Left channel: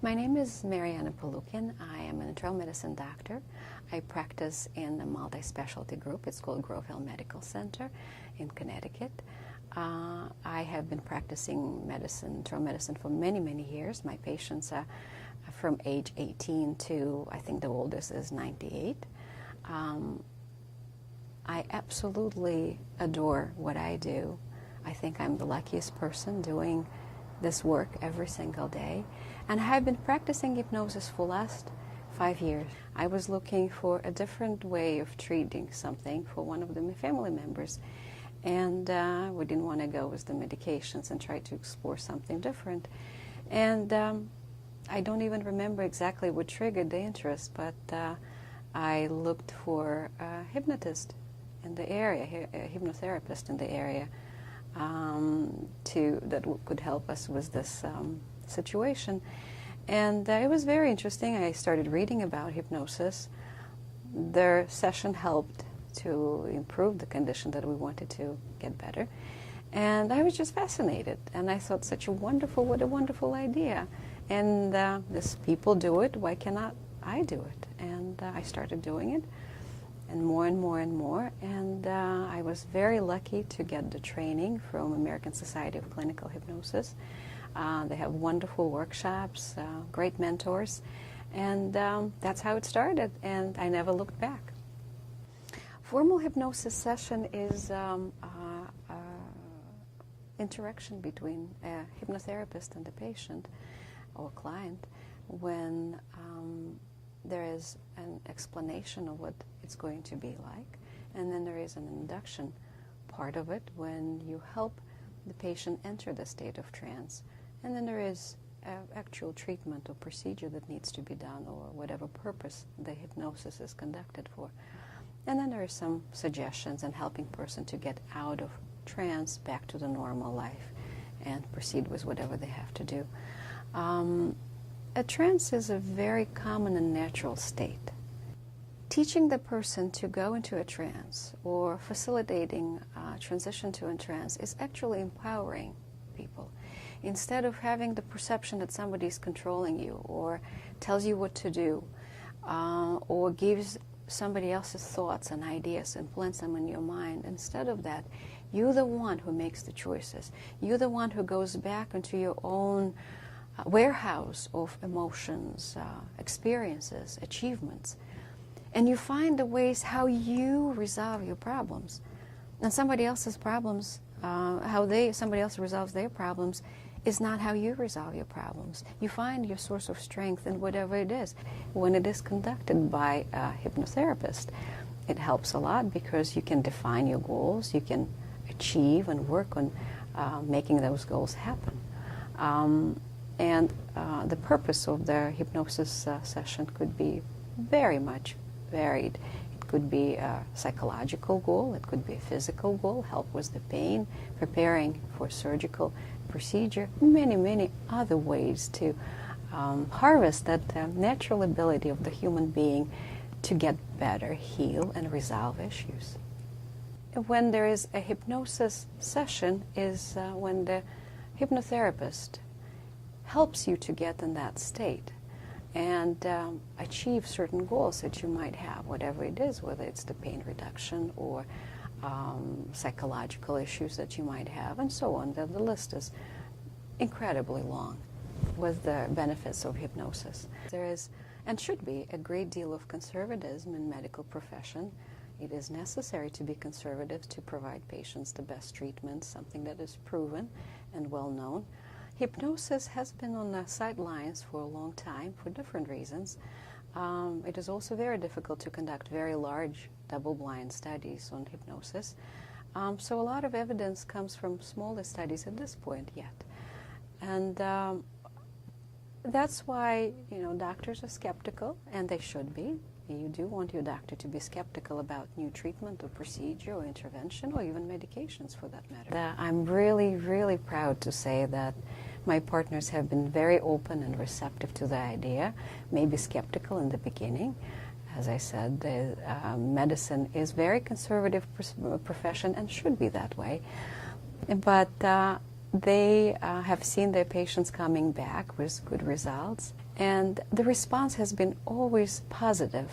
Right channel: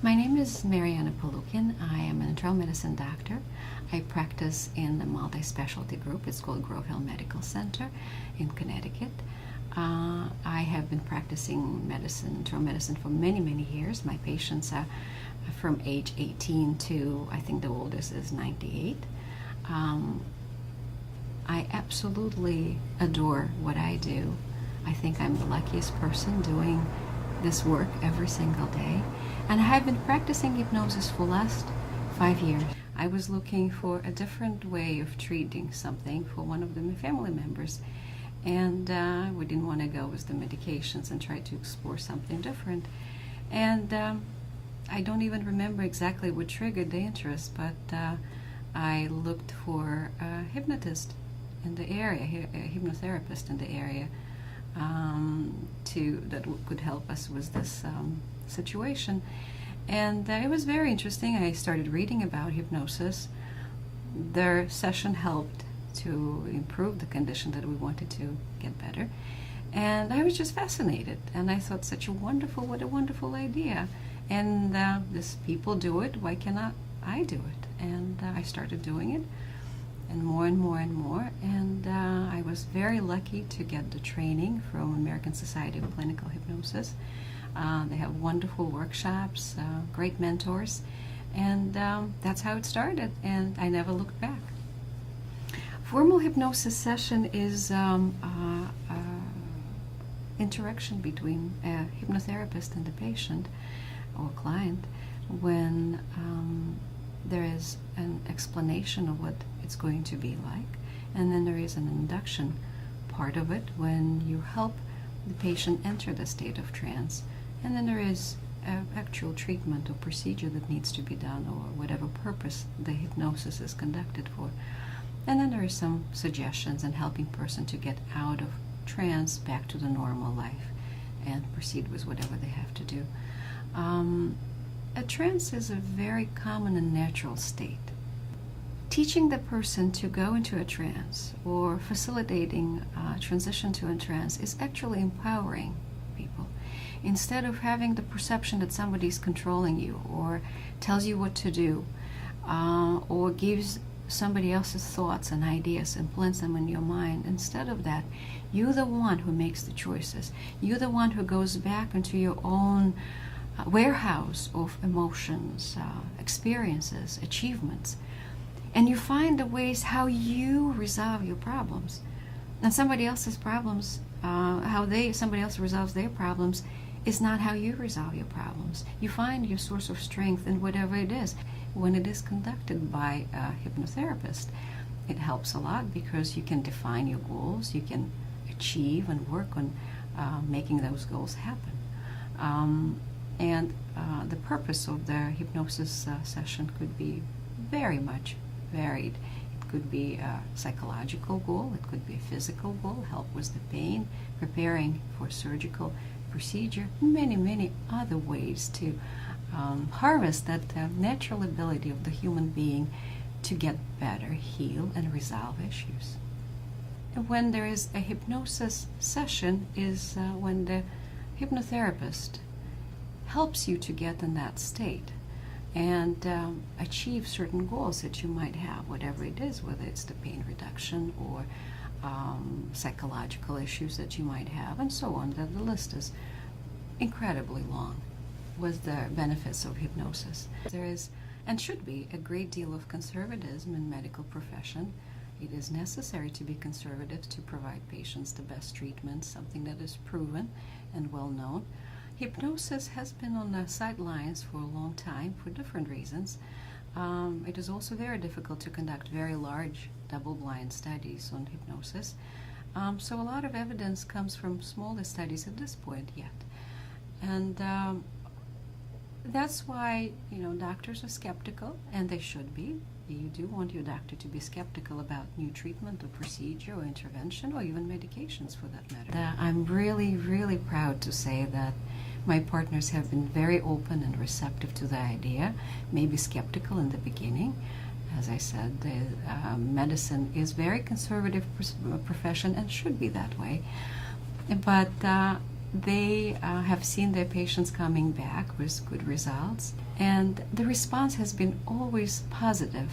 My name is Maryanna Polukhin. I am an internal medicine doctor. I practice in a multi-specialty group. It's called Grove Hill Medical Center in Connecticut. I have been practicing internal medicine for many, many years. My patients are from age 18 to, I think the oldest is 98. I absolutely adore what I do. I think I'm the luckiest person doing this work every single day. And I have been practicing hypnosis for the last 5 years. I was looking for a different way of treating something for one of my family members. And we didn't want to go with the medications and try to explore something different. And I don't even remember exactly what triggered the interest, but I looked for a hypnotist in the area, a hypnotherapist in the area, that could help us with this situation. And it was very interesting. I started reading about hypnosis. Their session helped to improve the condition that we wanted to get better. And I was just fascinated. And I thought, what a wonderful idea. And these people do it, why cannot I do it? And I started doing it, and more and more and more. And I was very lucky to get the training from American Society of Clinical Hypnosis. They have wonderful workshops, great mentors, and that's how it started, and I never looked back. Formal hypnosis session is interaction between a hypnotherapist and the patient or client when there is an explanation of what it's going to be like, and then there is an induction part of it when you help the patient enter the state of trance, and then there is an actual treatment or procedure that needs to be done, or whatever purpose the hypnosis is conducted for. And then there are some suggestions and helping person to get out of trance back to the normal life and proceed with whatever they have to do. A trance is a very common and natural state. Teaching the person to go into a trance or facilitating transition to a trance is actually empowering people. Instead of having the perception that somebody is controlling you or tells you what to do or gives somebody else's thoughts and ideas and plants them in your mind, instead of that, you're the one who makes the choices. You're the one who goes back into your own warehouse of emotions, experiences, achievements, and you find the ways how you resolve your problems. And somebody else's problems, somebody else resolves their problems is not how you resolve your problems. You find your source of strength in whatever it is. When it is conducted by a hypnotherapist, it helps a lot because you can define your goals, you can achieve and work on making those goals happen. And the purpose of the hypnosis session could be very much varied. It could be a psychological goal, it could be a physical goal, help with the pain, preparing for surgical procedure, many, many other ways to harvest that natural ability of the human being to get better, heal, and resolve issues. When there is a hypnosis session is when the hypnotherapist helps you to get in that state and achieve certain goals that you might have, whatever it is, whether it's the pain reduction or psychological issues that you might have, and so on. The list is incredibly long with the benefits of hypnosis. There is, and should be, a great deal of conservatism in medical profession. It is necessary to be conservative to provide patients the best treatment, something that is proven and well known. Hypnosis has been on the sidelines for a long time for different reasons. It is also very difficult to conduct very large double-blind studies on hypnosis. So a lot of evidence comes from smaller studies at this point yet. And that's why, doctors are skeptical, and they should be. You do want your doctor to be skeptical about new treatment or procedure or intervention or even medications for that matter. I'm really, really proud to say that my partners have been very open and receptive to the idea, maybe skeptical in the beginning. As I said, medicine is a very conservative profession and should be that way. But they have seen their patients coming back with good results, And the response has been always positive.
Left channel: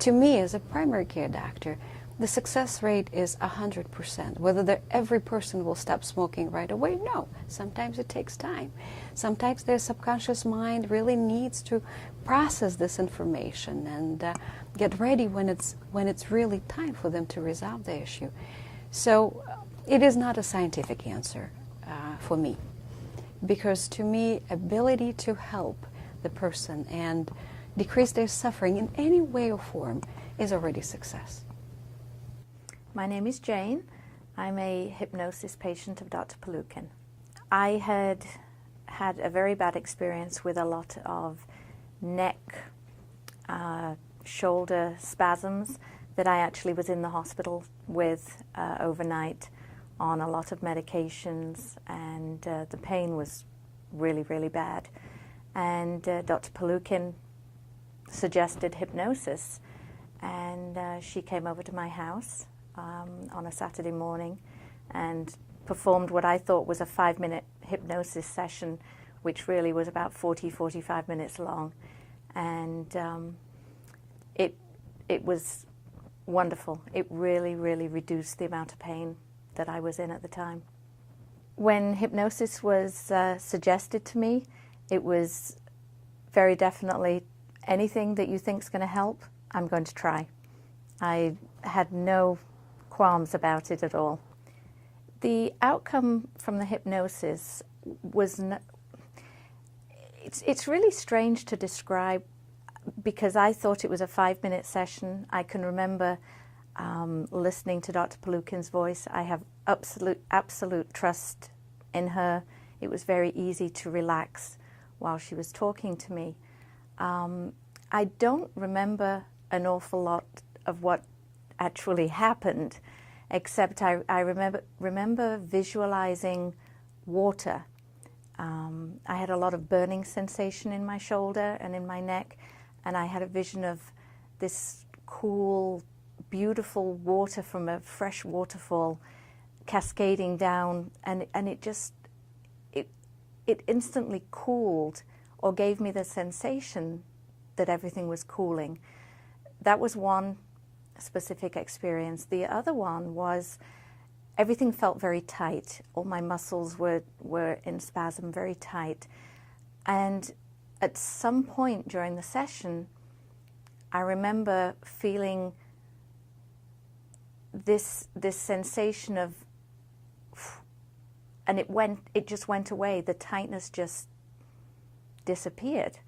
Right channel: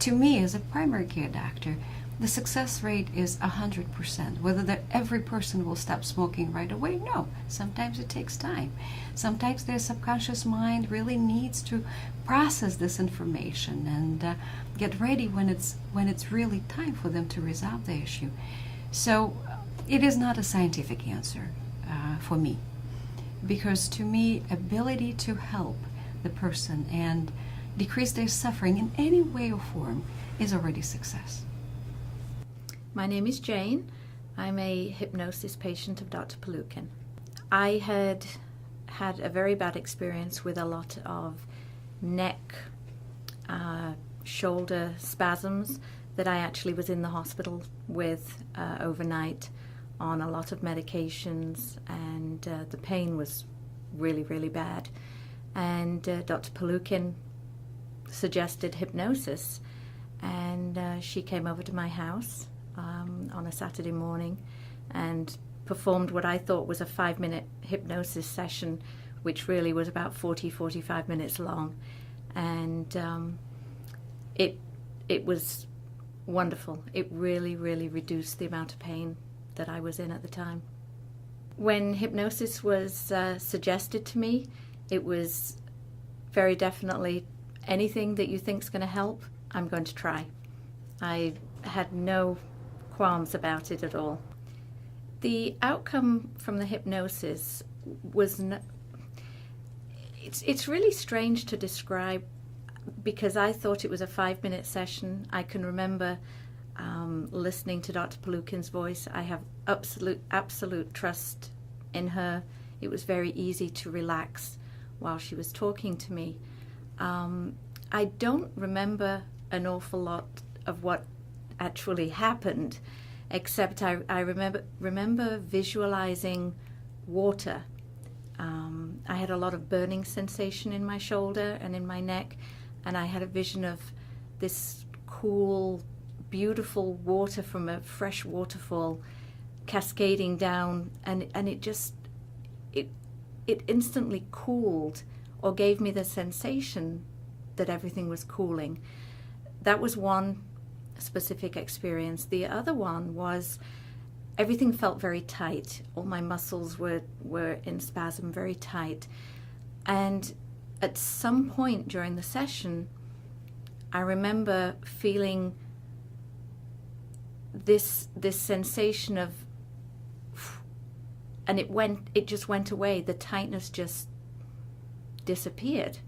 To me, as a primary care doctor, the success rate is 100%. Whether every person will stop smoking right away, no. Sometimes it takes time. Sometimes their subconscious mind really needs to process this information and get ready when it's really time for them to resolve the issue. So it is not a scientific answer for me, because to me, ability to help the person and decrease their suffering in any way or form is already success. My name is Jane. I'm a hypnosis patient of Dr. Polukhin. I had a very bad experience with a lot of neck, shoulder spasms that I actually was in the hospital with overnight on a lot of medications, and the pain was really, really bad. And Dr. Polukhin suggested hypnosis, and she came over to my house on a Saturday morning and performed what I thought was a 5-minute hypnosis session, which really was about 45 minutes long. And it was wonderful. It really, really reduced the amount of pain that I was in at the time. When hypnosis was suggested to me, it was very definitely anything that you think is going to help, I'm going to try. I had no qualms about it at all. The outcome from the hypnosis was it's really strange to describe, because I thought it was a 5-minute session. I can remember listening to Dr. Polukhin's voice. I have absolute trust in her. It was very easy to relax while she was talking to me. I don't remember an awful lot of what actually happened, except I remember visualizing water. I had a lot of burning sensation in my shoulder and in my neck, and I had a vision of this cool, beautiful water from a fresh waterfall cascading down, and it instantly cooled, or gave me the sensation that everything was cooling. That was one specific experience. The other one was everything felt very tight. All my muscles were in spasm, very tight. And at some point during the session, I remember feeling this sensation of, and it just went away. The tightness just disappeared.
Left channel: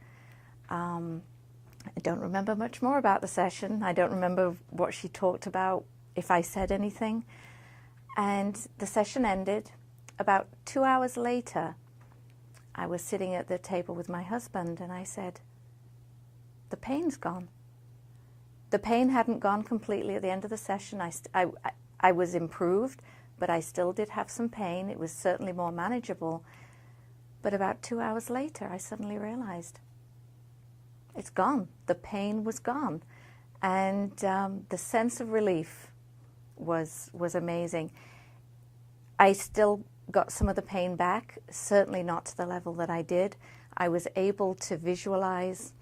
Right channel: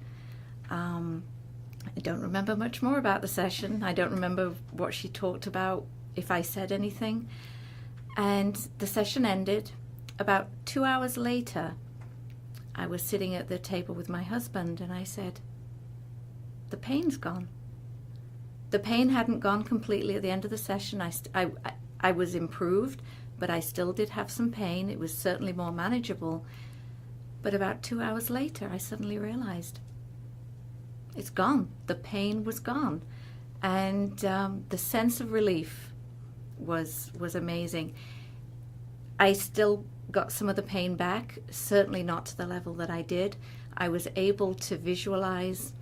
I don't remember much more about the session. I don't remember what she talked about, if I said anything. And the session ended. About 2 hours later, I was sitting at the table with my husband, and I said, the pain's gone. The pain hadn't gone completely at the end of the session. I was improved, but I still did have some pain. It was certainly more manageable. But about 2 hours later, I suddenly realized it's gone. The pain was gone. And the sense of relief was amazing. I still got some of the pain back, certainly not to the level that I did. I was able to visualize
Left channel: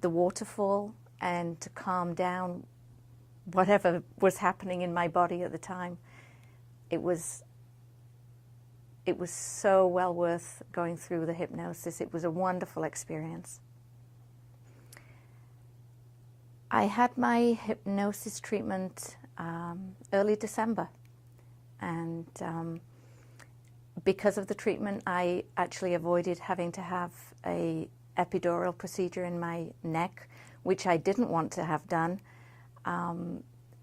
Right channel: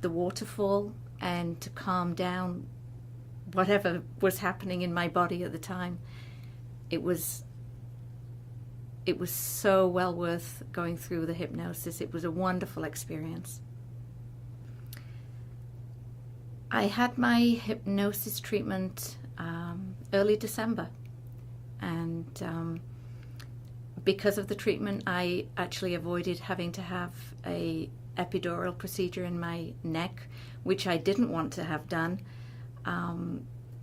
the waterfall and to calm down whatever was happening in my body at the time. It was so well worth going through the hypnosis. It was a wonderful experience. I had my hypnosis treatment early December, and because of the treatment, I actually avoided having to have a epidural procedure in my neck, which I didn't want to have done.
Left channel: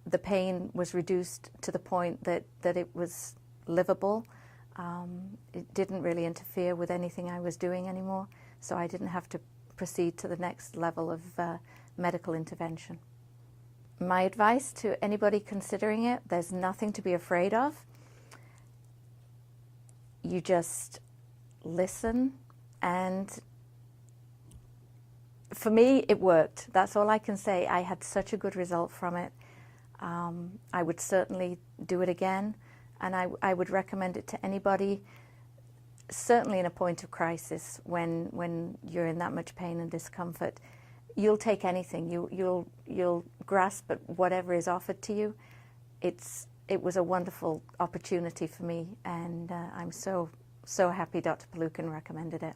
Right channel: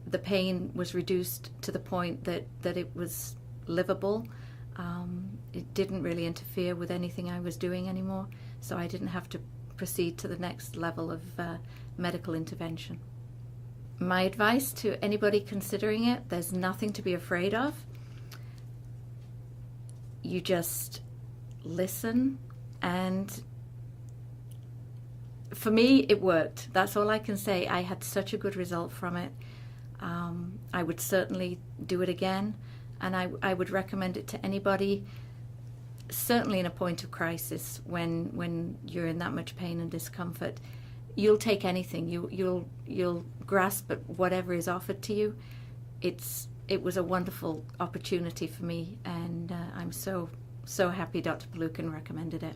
The pain was reduced to the point that it was livable. It didn't really interfere with anything I was doing anymore, so I didn't have to proceed to the next level of medical intervention. My advice to anybody considering it, there's nothing to be afraid of. You just listen, and for me, it worked. That's all I can say. I had such a good result from it. I would certainly do it again, and I would recommend it to anybody certainly in a point of crisis, when you're in that much pain and discomfort, you'll take anything. You'll grasp at whatever is offered to you. It was a wonderful opportunity for me, and I'm so happy Dr. Polukhin recommended it.